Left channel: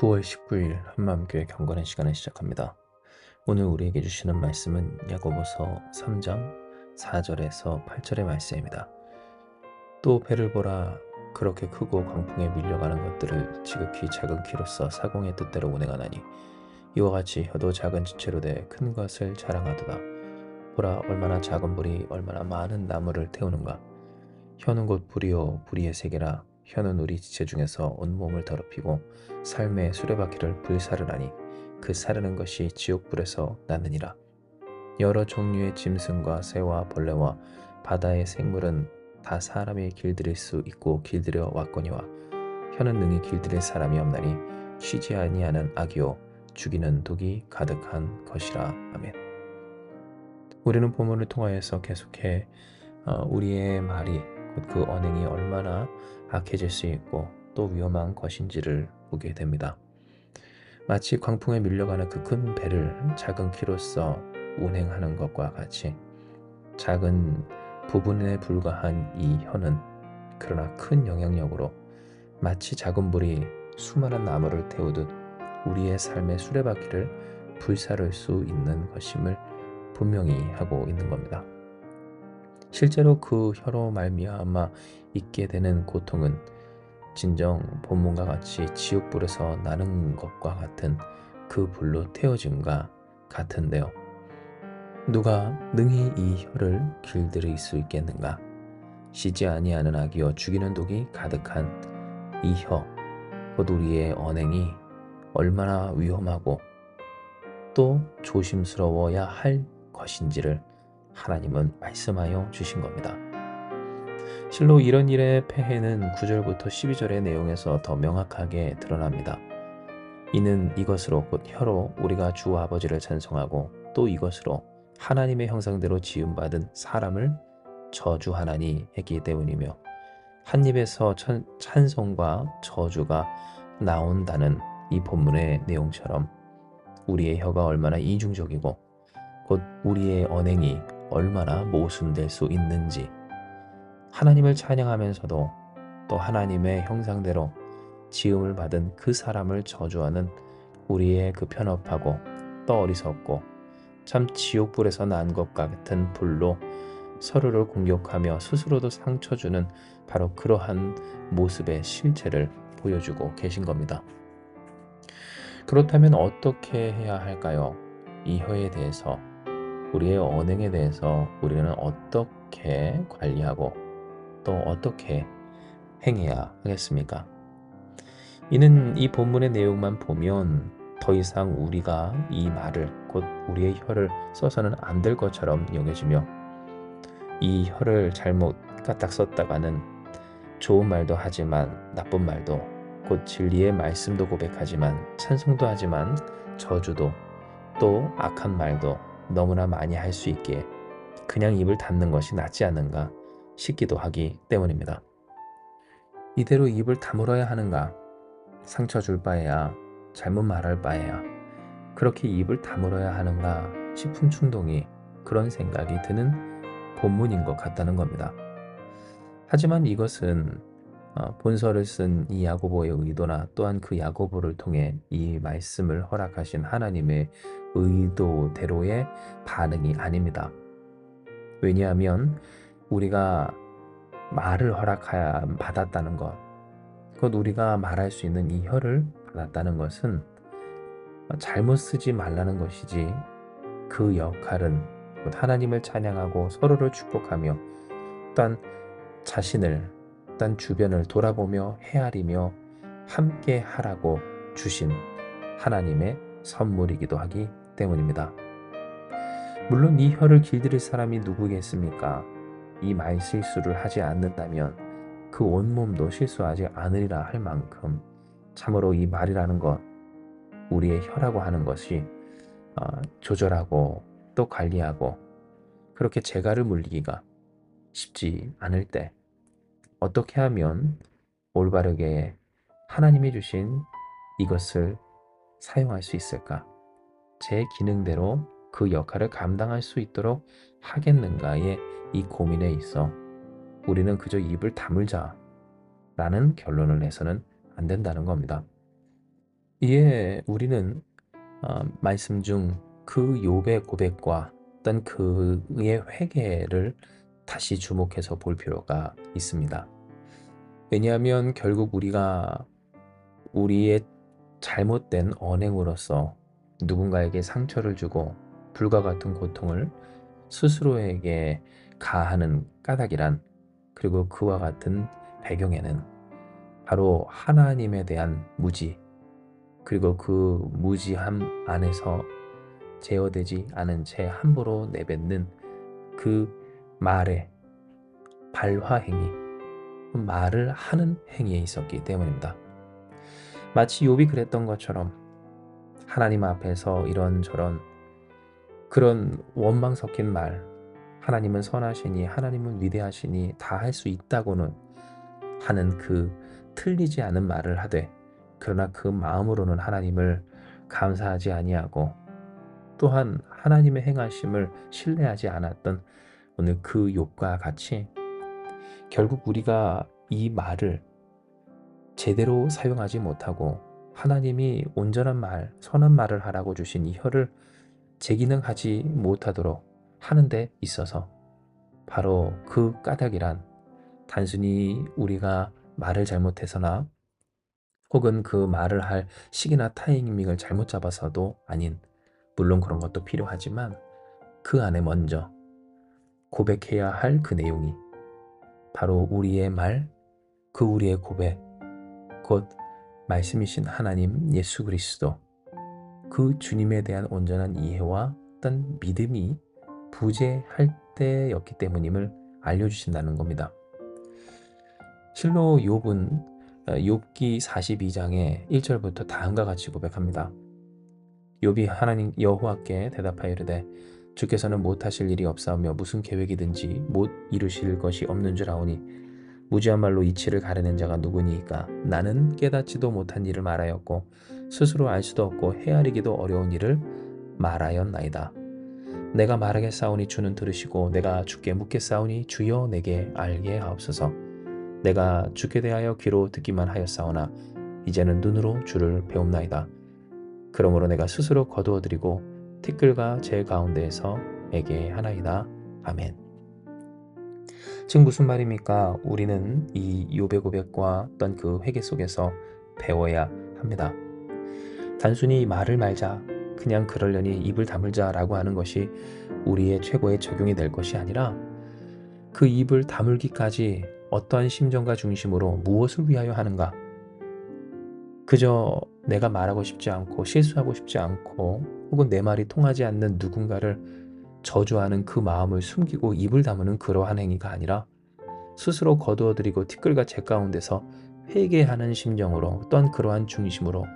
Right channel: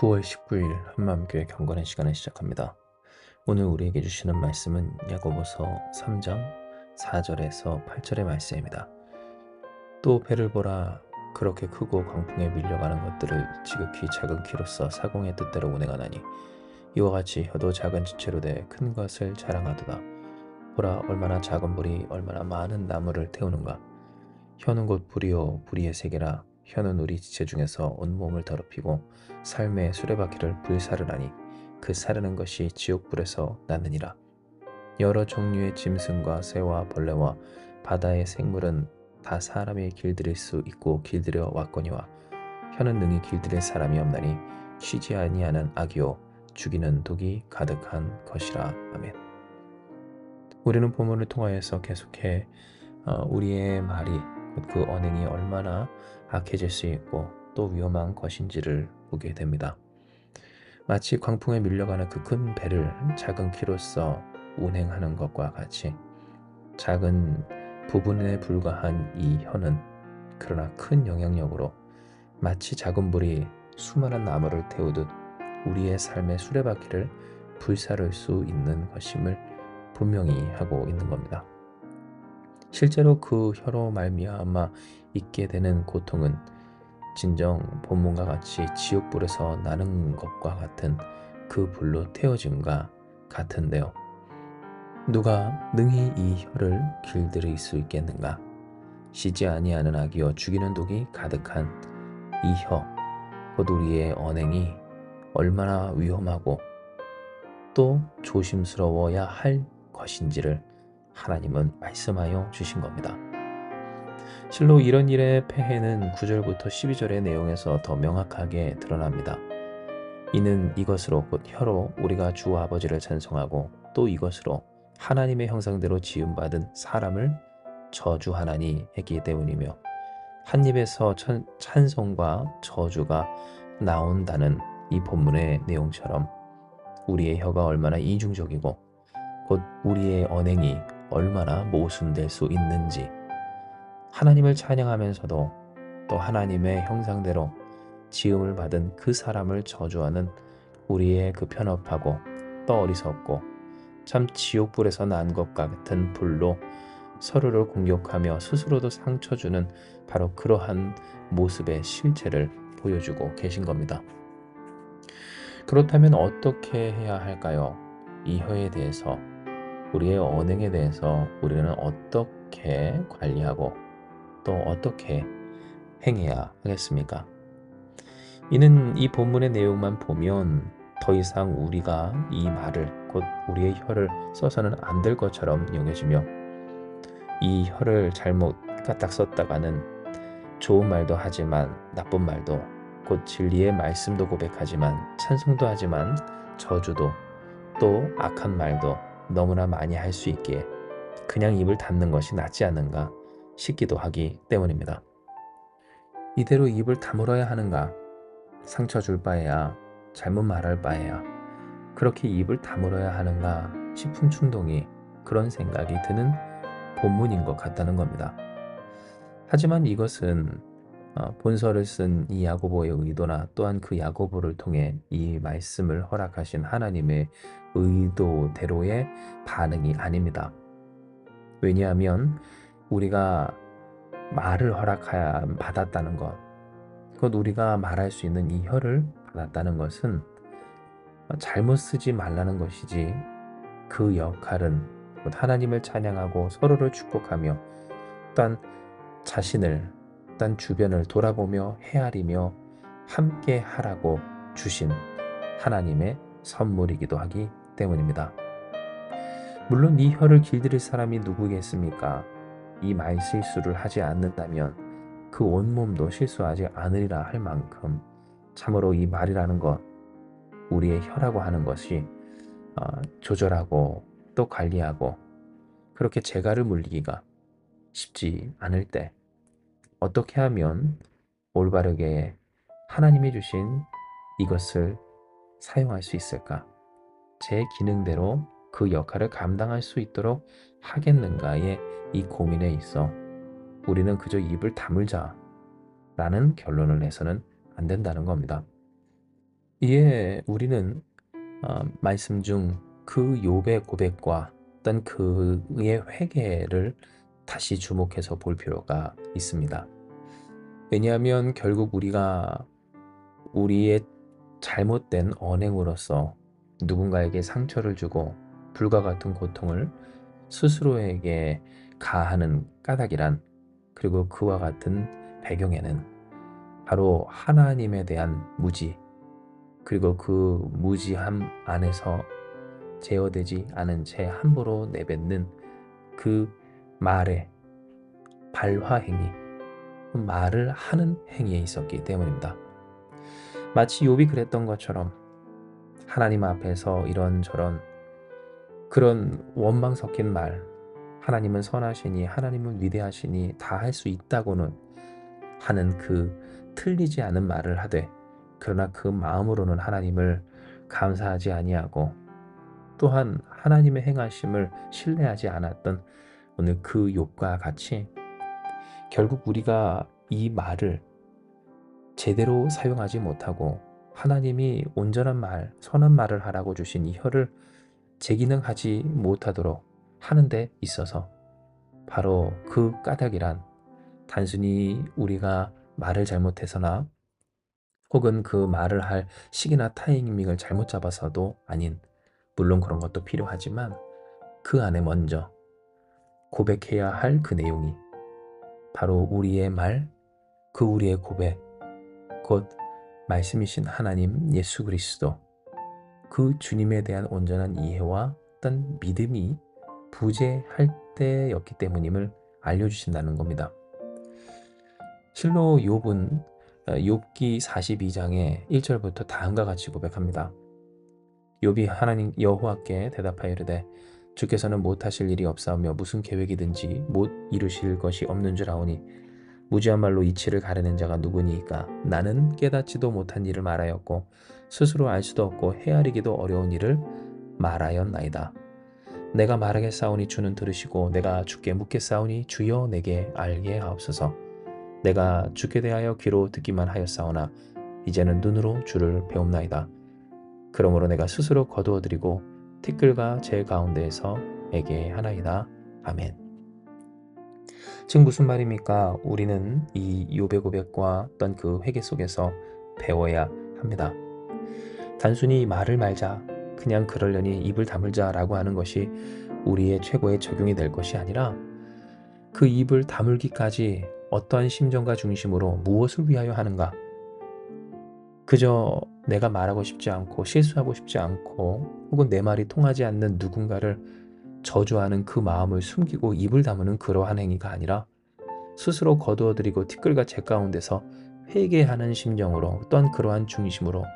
9월 19일 한마음교회 경건의 시간을 시작합니다. 오늘 우리에게 주시는 말씀은 야고보서 3장 4절에서 8절의 말씀입니다. 또 배를 보라, 그렇게 크고 광풍에 밀려가는 것들을 지극히 작은 키로서 사공의 뜻대로 운행하나니 이와 같이 혀도 작은 지체로 돼 큰 것을 자랑하도다. 보라, 얼마나 작은 불이 얼마나 많은 나무를 태우는가. 혀는 곧 불이요 불의의 세계라. 혀는 우리 지체 중에서 온몸을 더럽히고 삶의 수레바퀴를 불사르나니 그 사르는 것이 지옥불에서 나느니라. 여러 종류의 짐승과 새와 벌레와 바다의 생물은 다 사람이 길들일 수 있고 길들여 왔거니와 혀는 능히 길들일 사람이 없나니 쉬지 아니하는 악이요 죽이는 독이 가득한 것이라. 아멘. 우리는 본문을 통하여서 계속해 우리의 말이 곧 그 언행이 얼마나 악해질 수 있고 또 위험한 것인지를 보게 됩니다. 마치 광풍에 밀려가는 그 큰 배를 작은 키로서 운행하는 것과 같이 작은 부분에 불과한 이 혀는 그러나 큰 영향력으로 마치 작은 불이 수많은 나무를 태우듯 우리의 삶의 수레바퀴를 불사를 수 있는 것임을 분명히 하고 있는 겁니다. 실제로 그 혀로 말미암아 있게 되는 고통은 진정 본문과 같이 지옥불에서 나는 것과 같은 그 불로 태워짐과 같은데요. 누가 능히 이 혀를 길들일 수 있겠는가? 쉬지 아니하는 악이여 죽이는 독이 가득한 이 혀, 곧 우리의 언행이 얼마나 위험하고 또 조심스러워야 할 것인지를 하나님은 말씀하여 주신 겁니다. 실로 이런 일의 폐해는 9절부터 12절의 내용에서 더 명확하게 드러납니다. 이는 이것으로 곧 혀로 우리가 주 아버지를 찬송하고 또 이것으로 하나님의 형상대로 지음받은 사람을 저주하나니 했기 때문이며 한 입에서 찬송과 저주가 나온다는 이 본문의 내용처럼 우리의 혀가 얼마나 이중적이고 곧 우리의 언행이 얼마나 모순될 수 있는지 하나님을 찬양하면서도 또 하나님의 형상대로 지음을 받은 그 사람을 저주하는 우리의 그 편협하고 또 어리석고 참 지옥불에서 난 것 같은 불로 서로를 공격하며 스스로도 상처 주는 바로 그러한 모습의 실체를 보여주고 계신 겁니다. 그렇다면 어떻게 해야 할까요? 이 혀에 대해서 우리의 언행에 대해서 우리는 어떻게 관리하고 또 어떻게 행해야 하겠습니까? 이는 이 본문의 내용만 보면 더 이상 우리가 이 말을 곧 우리의 혀를 써서는 안 될 것처럼 여겨지며 이 혀를 잘못 까딱 썼다가는 좋은 말도 하지만 나쁜 말도 곧 진리의 말씀도 고백하지만 찬송도 하지만 저주도 또 악한 말도 너무나 많이 할 수 있기에 그냥 입을 닫는 것이 낫지 않는가 싶기도 하기 때문입니다. 이대로 입을 다물어야 하는가? 상처 줄 바에야 잘못 말할 바에야 그렇게 입을 다물어야 하는가 싶은 충동이 그런 생각이 드는 본문인 것 같다는 겁니다. 하지만 이것은 본서를 쓴 이 야고보의 의도나 또한 그 야고보를 통해 이 말씀을 허락하신 하나님의 의도대로의 반응이 아닙니다. 왜냐하면 우리가 말을 받았다는 것, 곧 우리가 말할 수 있는 이 혀를 받았다는 것은 잘못 쓰지 말라는 것이지 그 역할은 곧 하나님을 찬양하고 서로를 축복하며 또한 자신을 또한 주변을 돌아보며 헤아리며 함께 하라고 주신 하나님의 선물이기도 하기 때문입니다. 물론 이 혀를 길들일 사람이 누구겠습니까? 이 말실수를 하지 않는다면 그 온몸도 실수하지 않으리라 할 만큼 참으로 이 말이라는 것, 우리의 혀라고 하는 것이 조절하고 또 관리하고 그렇게 재갈을 물리기가 쉽지 않을 때 어떻게 하면 올바르게 하나님이 주신 이것을 사용할 수 있을까? 제 기능대로 그 역할을 감당할 수 있도록 하겠는가의 이 고민에 있어 우리는 그저 입을 다물자 라는 결론을 내서는 안 된다는 겁니다. 이에 우리는 말씀 중 그 욥의 고백과 어떤 그의 회개를 다시 주목해서 볼 필요가 있습니다. 왜냐하면 결국 우리가 우리의 잘못된 언행으로서 누군가에게 상처를 주고 불과 같은 고통을 스스로에게 가하는 까닭이란, 그리고 그와 같은 배경에는 바로 하나님에 대한 무지, 그리고 그 무지함 안에서 제어되지 않은 채 함부로 내뱉는 그 말의 발화행위, 말을 하는 행위에 있었기 때문입니다. 마치 욥이 그랬던 것처럼 하나님 앞에서 이런저런 그런 원망 섞인 말, 하나님은 선하시니 하나님은 위대하시니 다 할 수 있다고는 하는 그 틀리지 않은 말을 하되, 그러나 그 마음으로는 하나님을 감사하지 아니하고 또한 하나님의 행하심을 신뢰하지 않았던 오늘 그 욥과 같이, 결국 우리가 이 말을 제대로 사용하지 못하고 하나님이 온전한 말, 선한 말을 하라고 주신 이 혀를 제기능하지 못하도록 하는 데 있어서 바로 그 까닭이란, 단순히 우리가 말을 잘못해서나 혹은 그 말을 할 시기나 타이밍을 잘못 잡아서도 아닌, 물론 그런 것도 필요하지만 그 안에 먼저 고백해야 할 그 내용이 바로 우리의 말, 그 우리의 고백, 곧 말씀이신 하나님 예수 그리스도, 그 주님에 대한 온전한 이해와 어떤 믿음이 부재할 때였기 때문임을 알려주신다는 겁니다. 실로 욥은 욥기 42장의 1절부터 다음과 같이 고백합니다. 욥이 하나님 여호와께 대답하여 이르되 주께서는 못하실 일이 없사오며 무슨 계획이든지 못 이루실 것이 없는 줄 아오니 무지한 말로 이치를 가르는 자가 누구니이까. 나는 깨닫지도 못한 일을 말하였고 스스로 알 수도 없고 헤아리기도 어려운 일을 말하였나이다. 내가 말하겠사오니 주는 들으시고 내가 주께 묻겠사오니 주여 내게 알게 하옵소서. 내가 주께 대하여 귀로 듣기만 하였사오나 이제는 눈으로 주를 배움나이다. 그러므로 내가 스스로 거두어드리고 티끌과 제 가운데에서 애게하나이다. 아멘. 즉 무슨 말입니까? 우리는 이 욥의 고백과 어떤 그 회개 속에서 배워야 합니다. 단순히 말을 말자, 그냥 그러려니 입을 다물자라고 하는 것이 우리의 최고의 적용이 될 것이 아니라, 그 입을 다물기까지 어떠한 심정과 중심으로 무엇을 위하여 하는가? 그저 내가 말하고 싶지 않고 실수하고 싶지 않고 혹은 내 말이 통하지 않는 누군가를 저주하는 그 마음을 숨기고 입을 다무는 그러한 행위가 아니라, 스스로 거두어들이고 티끌과 재 가운데서 회개하는 심정으로 또한 그러한 중심으로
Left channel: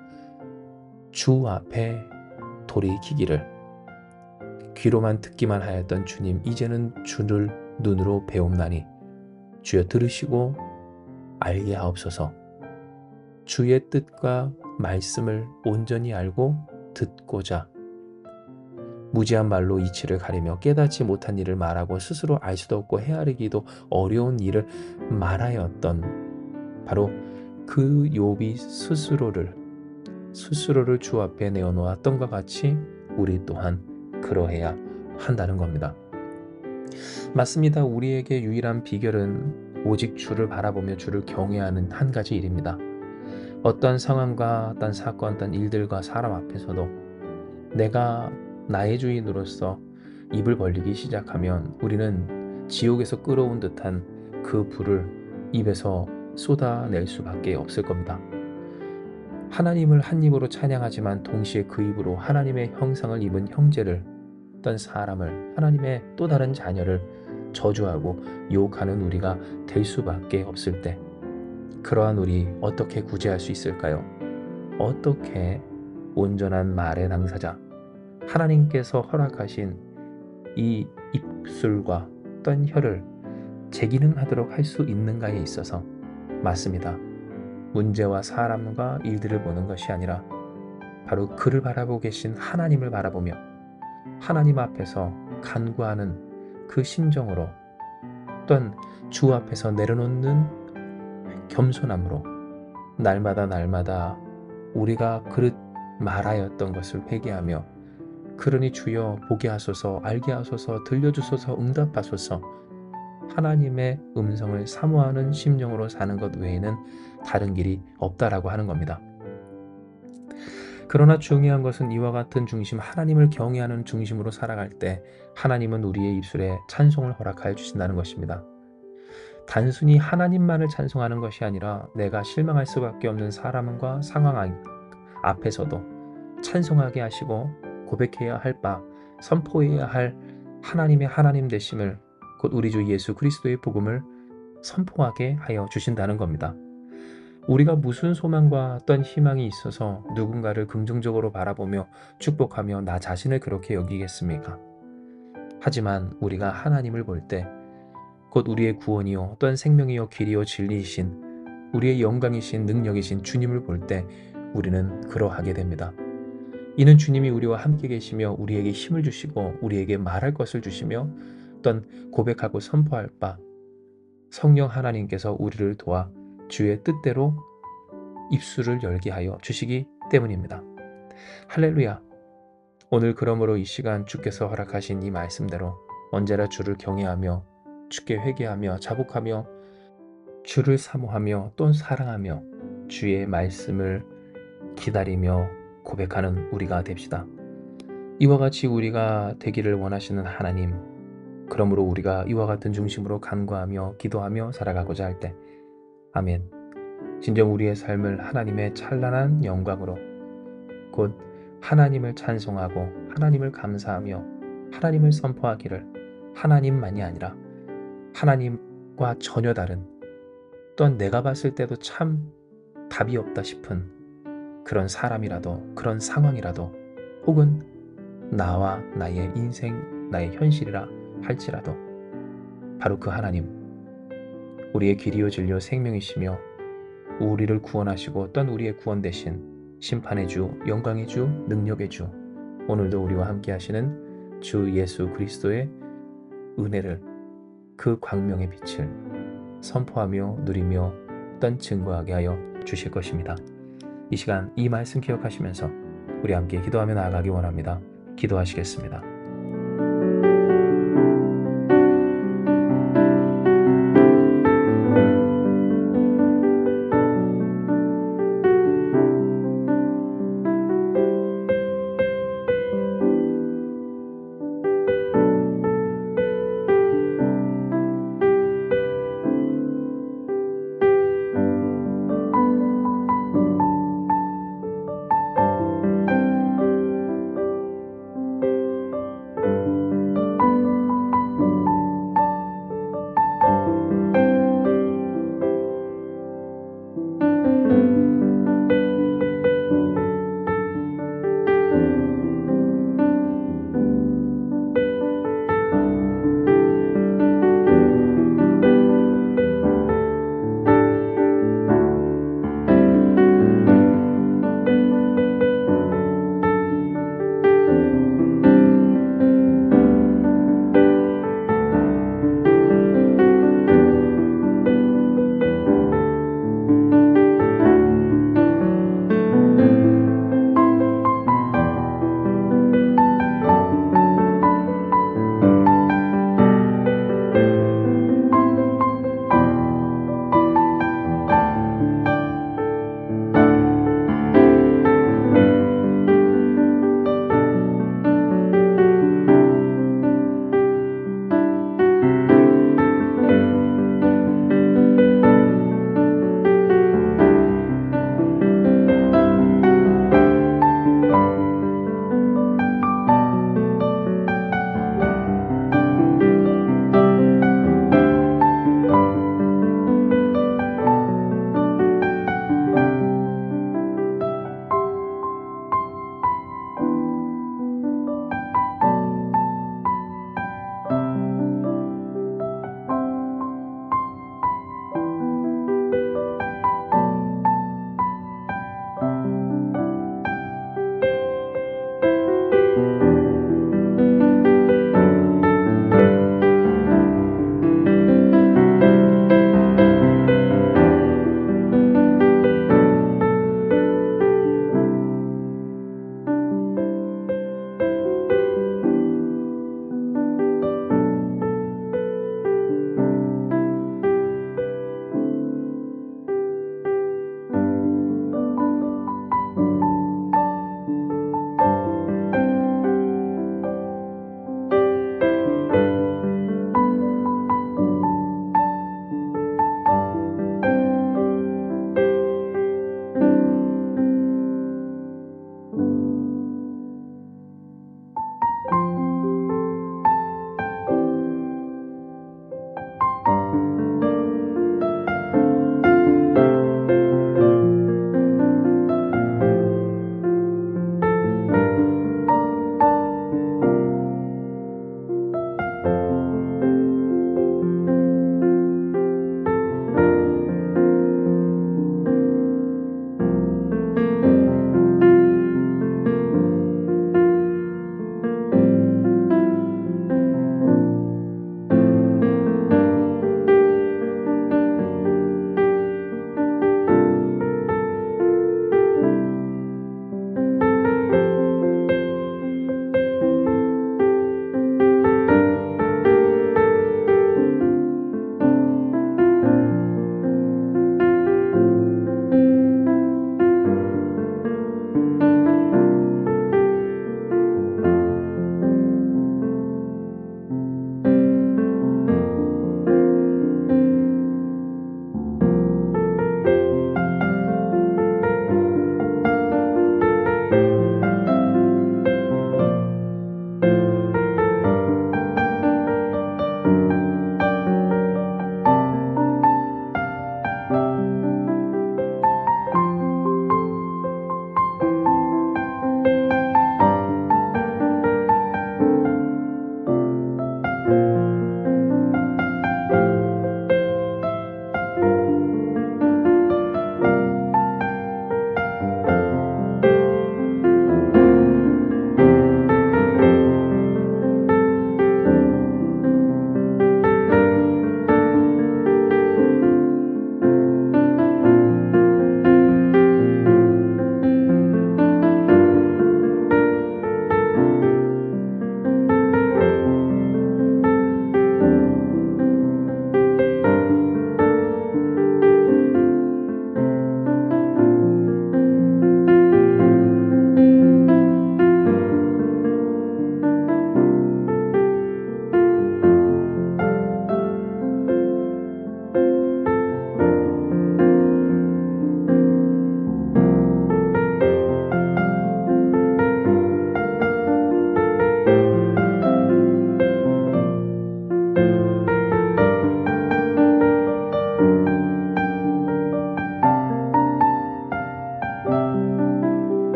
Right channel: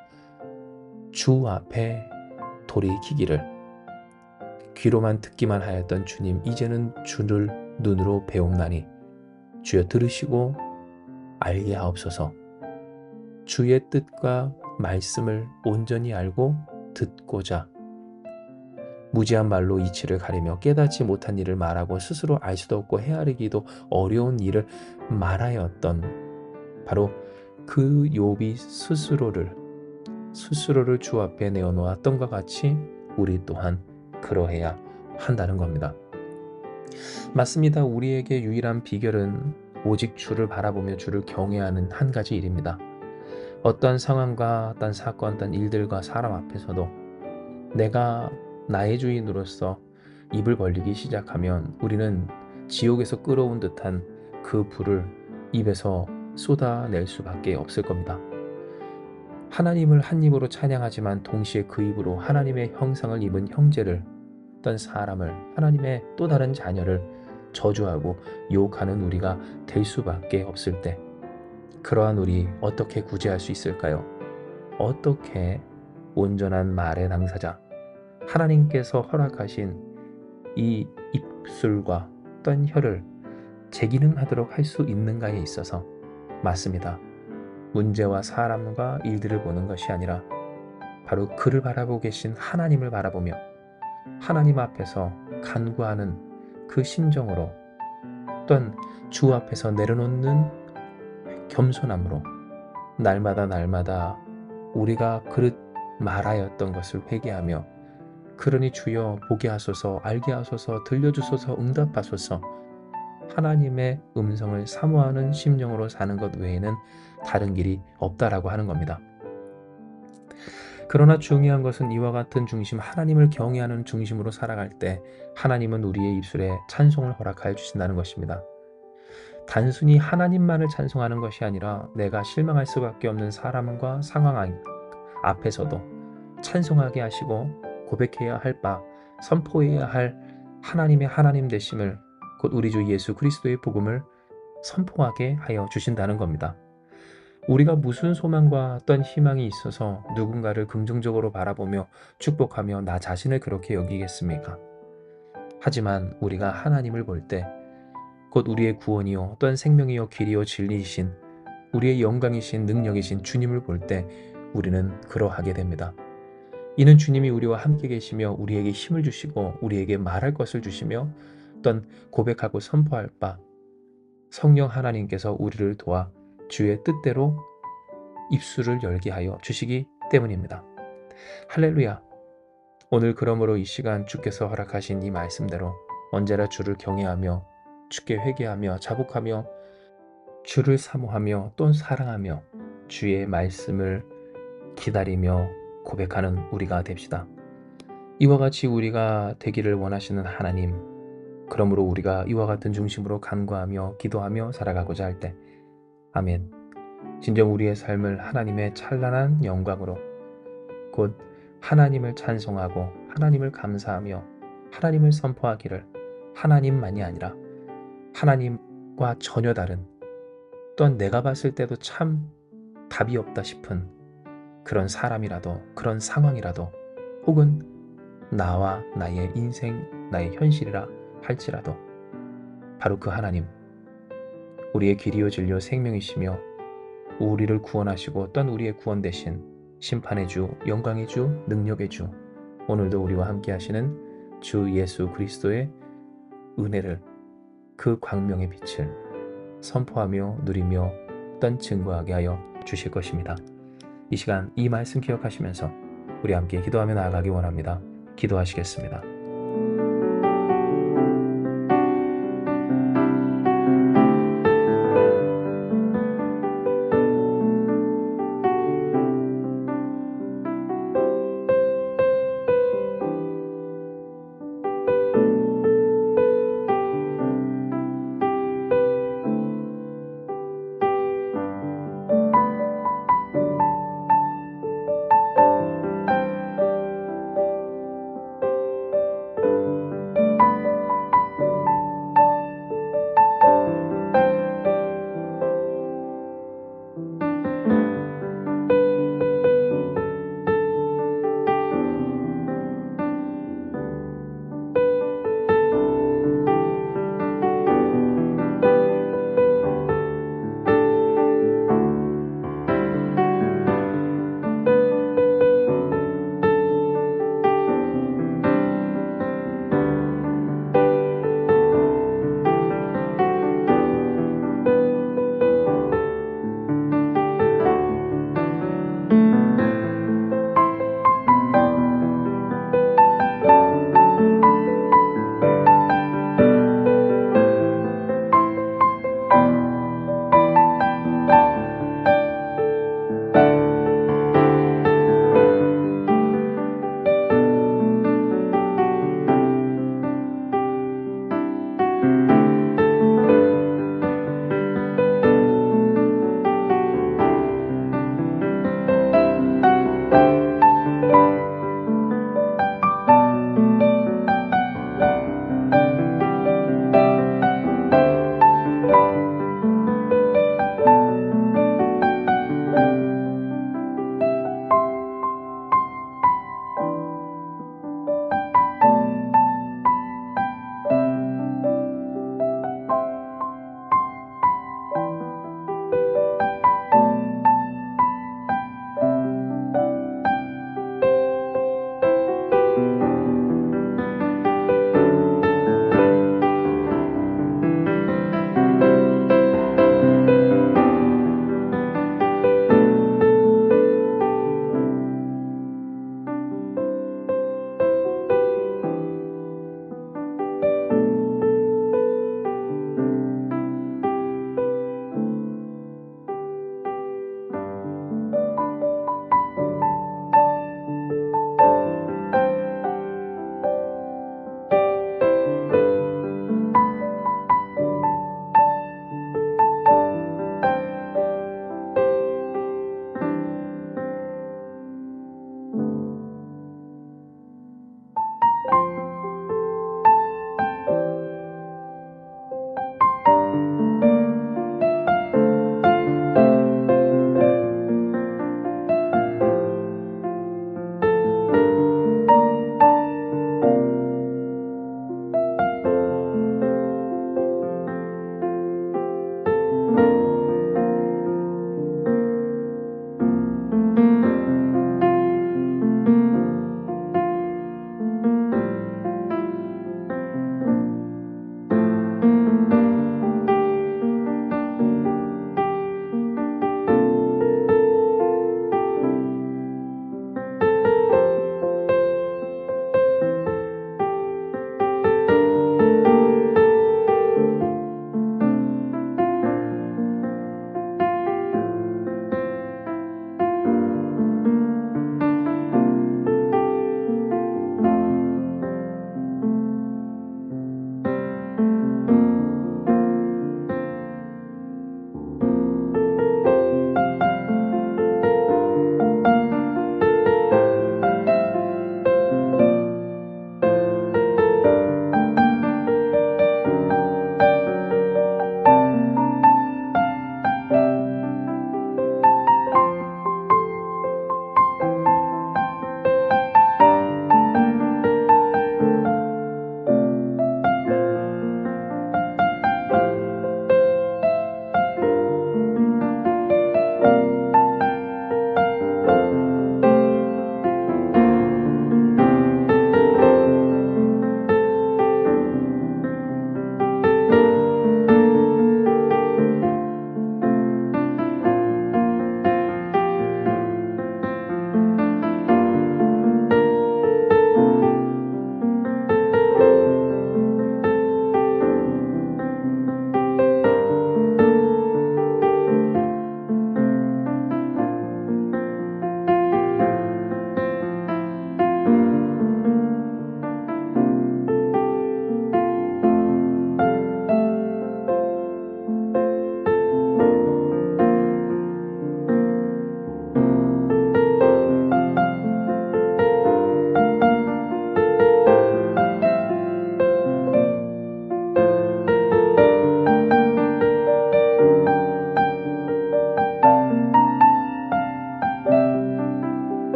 주 앞에 돌이키기를, 귀로만 듣기만 하였던 주님 이제는 주를 눈으로 배움나니 주여 들으시고 알게 하옵소서. 주의 뜻과 말씀을 온전히 알고 듣고자 무지한 말로 이치를 가리며 깨닫지 못한 일을 말하고 스스로 알 수도 없고 헤아리기도 어려운 일을 말하였던 바로 그 욥이 스스로를 주 앞에 내어놓았던 것 같이 우리 또한 그러해야 한다는 겁니다. 맞습니다. 우리에게 유일한 비결은 오직 주를 바라보며 주를 경외하는 한 가지 일입니다. 어떤 상황과 어떤 사건, 어떤 일들과 사람 앞에서도 내가 나의 주인으로서 입을 벌리기 시작하면 우리는 지옥에서 끌어온 듯한 그 불을 입에서 쏟아낼 수밖에 없을 겁니다. 하나님을 한 입으로 찬양하지만 동시에 그 입으로 하나님의 형상을 입은 형제를, 어떤 사람을, 하나님의 또 다른 자녀를 저주하고 욕하는 우리가 될 수밖에 없을 때, 그러한 우리 어떻게 구제할 수 있을까요? 어떻게 온전한 말의 당사자, 하나님께서 허락하신 이 입술과 어떤 혀를 제기능하도록 할 수 있는가에 있어서, 맞습니다. 문제와 사람과 일들을 보는 것이 아니라 바로 그를 바라보고 계신 하나님을 바라보며 하나님 앞에서 간구하는 그 심정으로, 또한 주 앞에서 내려놓는 겸손함으로 날마다 우리가 그릇 말하였던 것을 회개하며 그러니 주여 보게 하소서, 알게 하소서, 들려주소서, 응답하소서, 하나님의 음성을 사모하는 심령으로 사는 것 외에는 다른 길이 없다라고 하는 겁니다. 그러나 중요한 것은 이와 같은 중심, 하나님을 경외하는 중심으로 살아갈 때 하나님은 우리의 입술에 찬송을 허락하여 주신다는 것입니다. 단순히 하나님만을 찬송하는 것이 아니라 내가 실망할 수밖에 없는 사람과 상황 앞에서도 찬송하게 하시고 고백해야 할 바, 선포해야 할 하나님의 하나님 되심을, 곧 우리 주 예수 그리스도의 복음을 선포하게 하여 주신다는 겁니다. 우리가 무슨 소망과 어떤 희망이 있어서 누군가를 긍정적으로 바라보며 축복하며 나 자신을 그렇게 여기겠습니까? 하지만 우리가 하나님을 볼 때, 곧 우리의 구원이요 어떤 생명이요 길이요 진리이신 우리의 영광이신 능력이신 주님을 볼 때 우리는 그러하게 됩니다. 이는 주님이 우리와 함께 계시며 우리에게 힘을 주시고 우리에게 말할 것을 주시며 어떤 고백하고 선포할 바, 성령 하나님께서 우리를 도와 주의 뜻대로 입술을 열게 하여 주시기 때문입니다. 할렐루야. 오늘 그러므로 이 시간 주께서 허락하신 이 말씀대로 언제나 주를 경외하며 주께 회개하며 자복하며 주를 사모하며 또 사랑하며 주의 말씀을 기다리며 고백하는 우리가 됩시다. 이와 같이 우리가 되기를 원하시는 하나님, 그러므로 우리가 이와 같은 중심으로 간구하며 기도하며 살아가고자 할 때, 아멘. 진정 우리의 삶을 하나님의 찬란한 영광으로, 곧 하나님을 찬송하고 하나님을 감사하며 하나님을 선포하기를, 하나님만이 아니라 하나님과 전혀 다른, 또한 내가 봤을 때도 참 답이 없다 싶은 그런 사람이라도, 그런 상황이라도, 혹은 나와 나의 인생, 나의 현실이라 할지라도 바로 그 하나님, 우리의 길이요 진리요 생명이시며 우리를 구원하시고 또한 우리의 구원 되신 심판의 주, 영광의 주, 능력의 주, 오늘도 우리와 함께 하시는 주 예수 그리스도의 은혜를, 그 광명의 빛을 선포하며 누리며 또한 증거하게 하여 주실 것입니다. 이 시간 이 말씀 기억하시면서 우리 함께 기도하며 나아가기 원합니다. 기도하시겠습니다.